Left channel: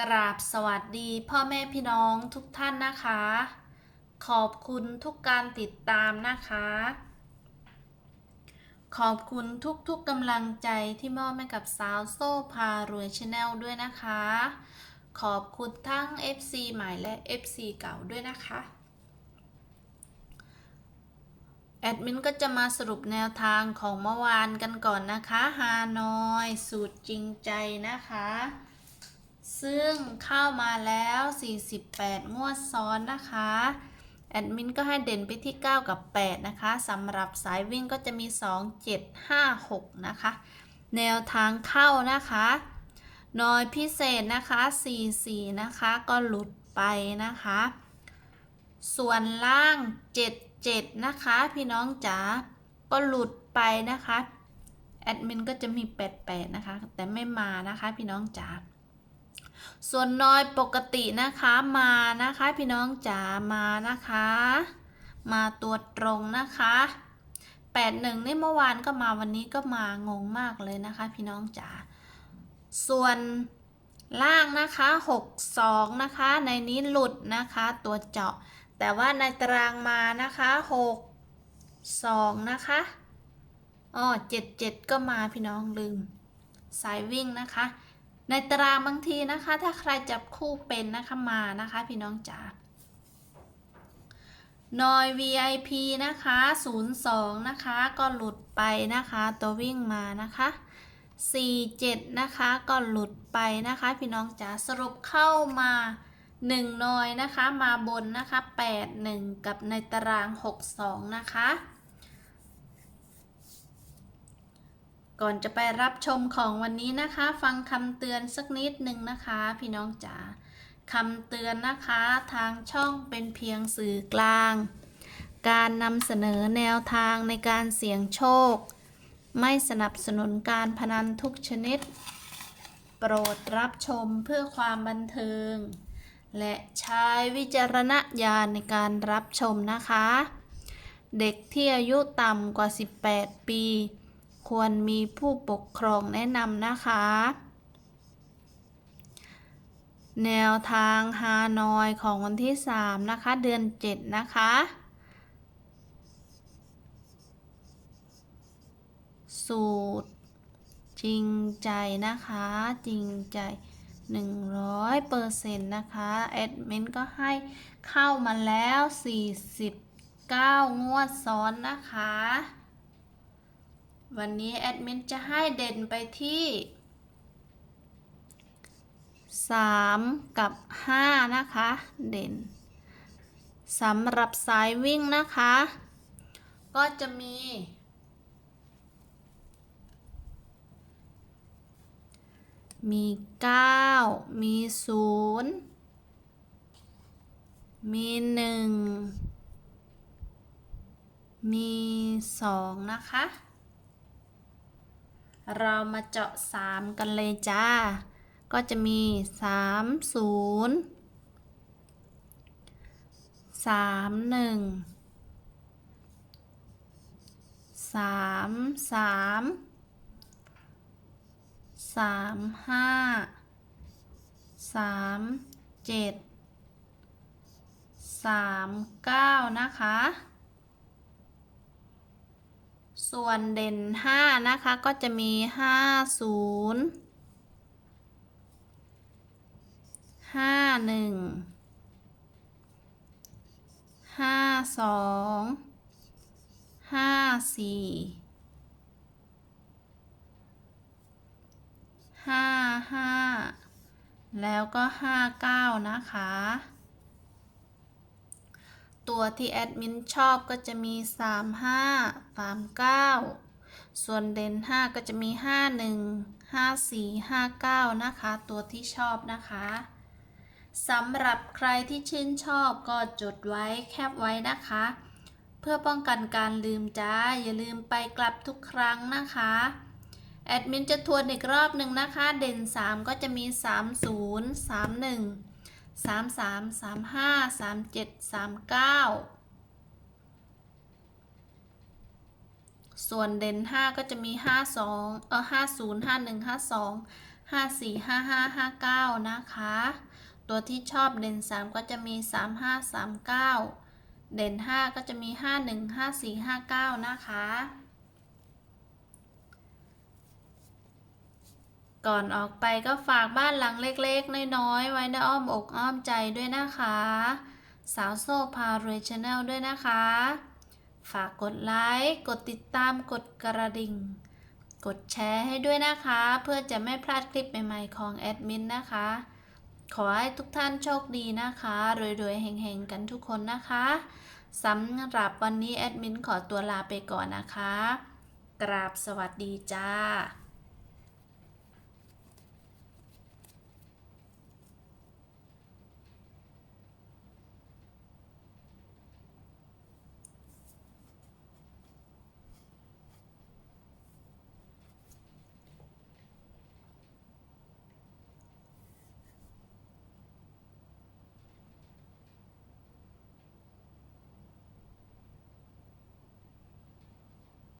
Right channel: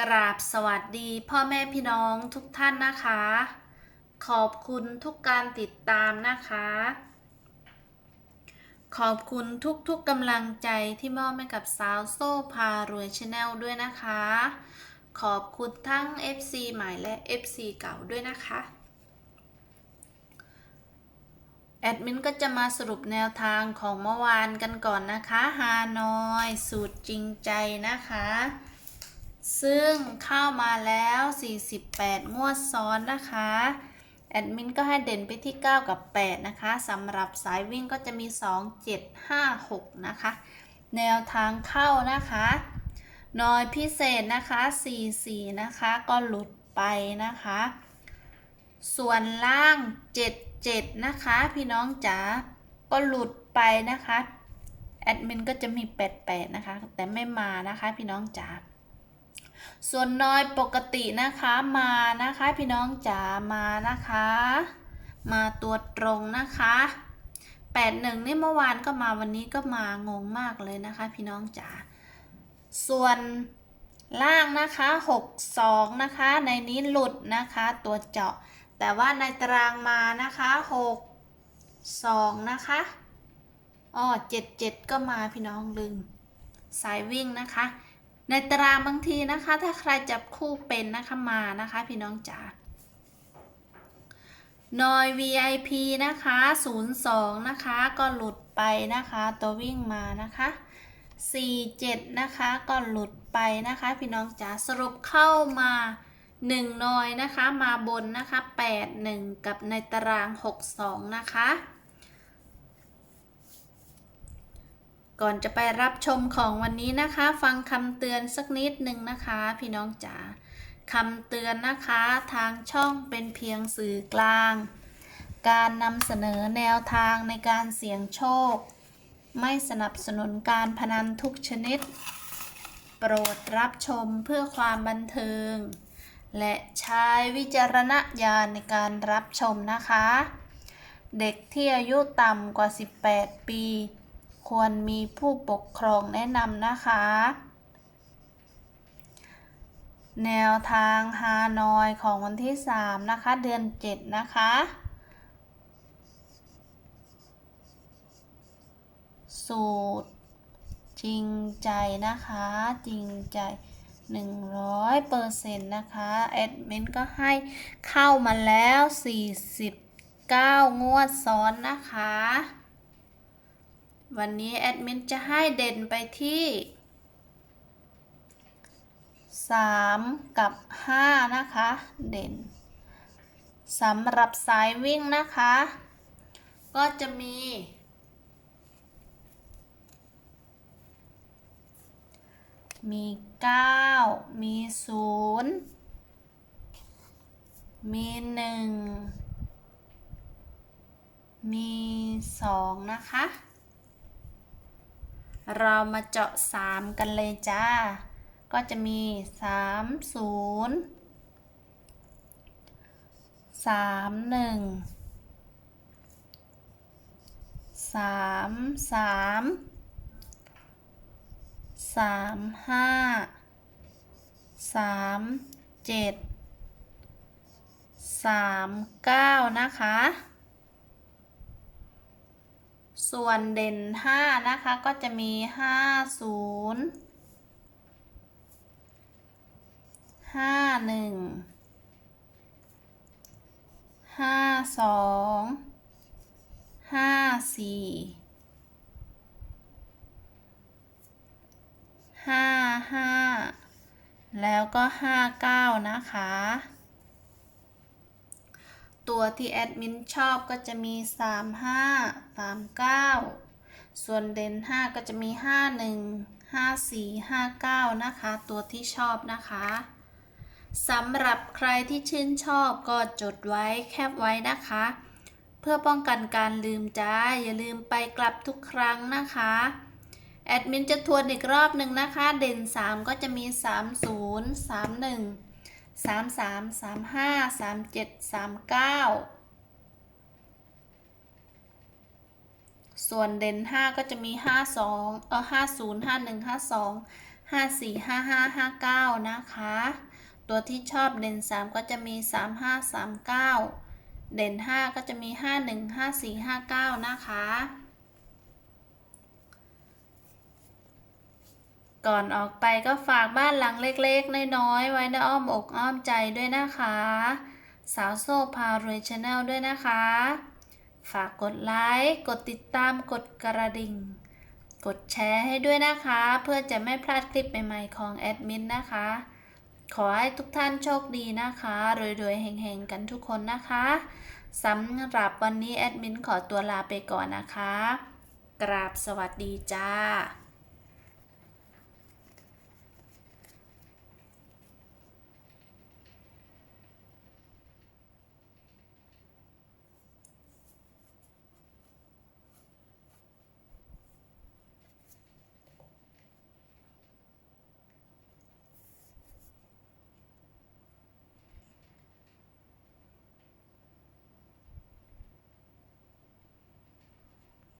กราบสวัสดีพ่อแม่พี่น้องทุกท่านนะคะ ขอบคุณทุกการติดตามนะคะ ขอบคุณทุกๆกำลังใจที่มอบให้กับสาวโซ่พารวยชาแนลด้วยนะคะ ขอบคุณทั้ง FC ใหม่และ FC เก่าด้วยนะคะ แอดมินก็จะมาสรุปแนวทางของเมื่อวานกันก่อนนะคะ ฮานอย สูตรจริงใจนะคะ ซึ่งเข้ามาแล้ว 48 งวดซ้อนนะคะ แอดมินก็ให้เด่นไปที่ 9 กับ 8 นะคะสำหรับสายวิ่งก็จะมี 2 7 5 6 นะคะ แนวทางเข้านะคะนอยพิเศษนะคะ 4 4 นะคะ ก็หลุดไปนะคะ ส่วนล่าง 7 7 นะคะ พี่น้องจ๋า ก็หลุดไปนะคะ แอดมินก็จะมี 8 8 นะคะ แต่ไม่มานะคะ พี่น้องจ๋า ส่วนน้อยปกตินะคะมานะคะพี่น้องจ๋ามานะคะ มาตัวตรงนะคะ81นี่เมื่อวานก็มาวันนี้ก็มางงมากเลยนะคะ พี่น้องจ๋าส่วนล่างนะคะ62นะคะ ในนี้หลุดนะคะตัวเจาะ แต่ว่าในตารางมานะคะ6 2นะคะอ๋อ77ก็มาพี่น้องลืมสายวิ่งนะคะ ในตารางบางทีนะคะ ถ้าใครจับคู่เป็นนะคะมานะคะพี่น้องจ๋านอย VIP นะคะ 02 นะคะ ก็หลุดไปนะคะ ตัววิ่งมานะคะ 47 นะคะ ก็หลุดไปนะคะ พี่น้องจ๋าสรุปเข้ามา 1 นอยนะคะ มาบนนะคะ 81 กับในตาราง 62 นะคะ ก่อนจะไปรับชมของวันนี้นะคะ ฟังคำเตือนสักนิดหนึ่งนะคะ พี่น้องจ๋าคำเตือนนะคะทางช่องเป็นเพียงสื่อกลาง การนำเสนอแนวทางในการเสี่ยงโชค ไม่สนับสนุนการพนันทุกชนิด โปรดรับชมเพื่อความบันเทิง และใช้วิจารณญาณในการรับชมนะคะ เด็กที่อายุต่ำกว่า 18 ปี ควรมีผู้ปกครองแนะนำนะคะ แนวทางฮานอยของวันที่ 3 นะคะ เดือน 7 นะคะสูตร จริงใจนะคะ จริงใจ 100%นะคะแอดมินก็ให้เข้ามาแล้ว 49 งวดซ้อนนะคะ วันนี้แอดมินจะให้เด่นไปที่ 3 กับ 5 นะคะ เด่นสำหรับสายวิ่งนะคะ ก็จะมี มี 9 มี 0 มี 1 มี 2 นะคะ เรามาเจาะ 3 กันเลยจ้า ก็จะมี 3 0 3 1 3 3 3 5 3 7 3 9 นะคะ ส่วนเด่น 5 นะคะ ก็จะมี 5 0 5 1 5 2 5 4 5 5 แล้วก็ 5 9 นะคะ ตัวที่แอดมินชอบก็จะมี 3 5 3 9 ส่วนเด่น5ก็จะมี 5 1 5 4 5 9 นะคะ ตัวที่ชอบนะคะสำหรับใครที่ชื่นชอบก็จดไว้แคปไว้นะคะ เพื่อป้องกันการลืมจ้า อย่าลืมไปกลับทุกครั้งนะคะแอดมินจะทวนอีกรอบหนึ่งนะคะ เด่น 3 ก็จะมี 30 31 33 35 37 39ส่วนเด่น5ก็จะมี52เออ50 51 52 545559นะคะ ตัวที่ชอบเด่น3ก็จะมี3539เด่น5ก็จะมี515459นะคะ ก่อนออกไปก็ฝากบ้านหลังเล็กๆ น้อยๆ ไว้ในอ้อมอกอ้อมใจด้วยนะคะ สาวโซ่พารวยชาแนลด้วยนะคะ ฝากกดไลค์ กดติดตาม กดกระดิ่ง กดแชร์ให้ด้วยนะคะ เพื่อจะไม่พลาดคลิปใหม่ๆของแอดมินนะคะ ขอให้ทุกท่านโชคดีนะคะรวยๆเฮงๆ กันทุกคนนะคะสำหรับวันนี้แอดมินขอตัวลาไปก่อนนะคะ กราบสวัสดีจ้า